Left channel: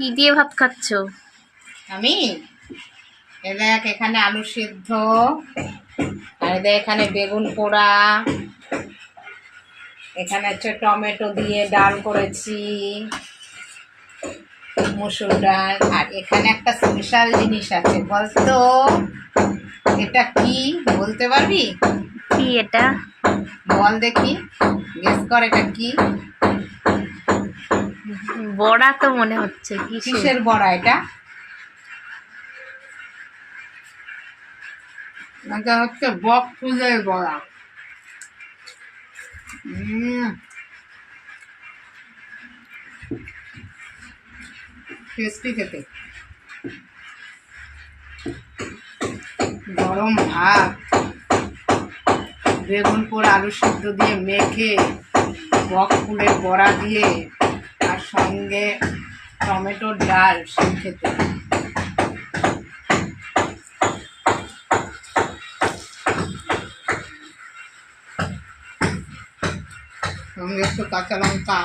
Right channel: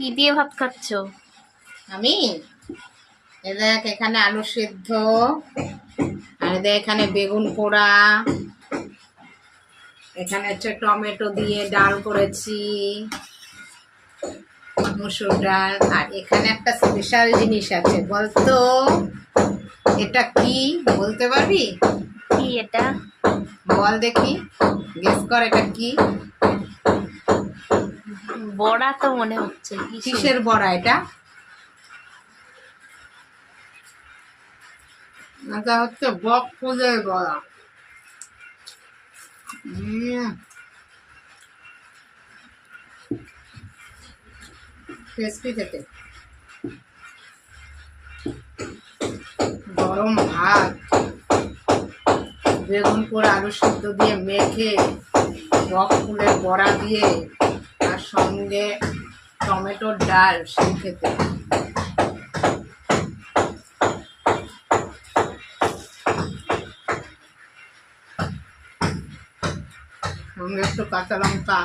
কি দিয়ে ভাত খাচ্ছো? আমি দেখ এখানে আলু সিদ্ধ, আর দেখ এখানে বেগুন পোড়া, এখানে হচ্ছে টমেটো দিয়ে ডাল করেছি, মসুর ডাল। আর এখানে একটা স্পেশাল জিনিস আছে, বলতো এটা কি? বলতে পারবি? কি এটা? বল দেখি, গেস কর এটা কি। বড়া তো মনে হচ্ছে। কিসের বড়া এটা? এটা হচ্ছে বক ফুলের বড়া। টেস্টি খেতে। গরম ভাত, বেগুন পোড়া আলু সিদ্ধ দিয়ে মেখে, বক ফুলের বড়া দিয়ে, আর সঙ্গে টমেটোর ডাল, সেই খেতে। সঙ্গে একটু কাঁচা লঙ্কা।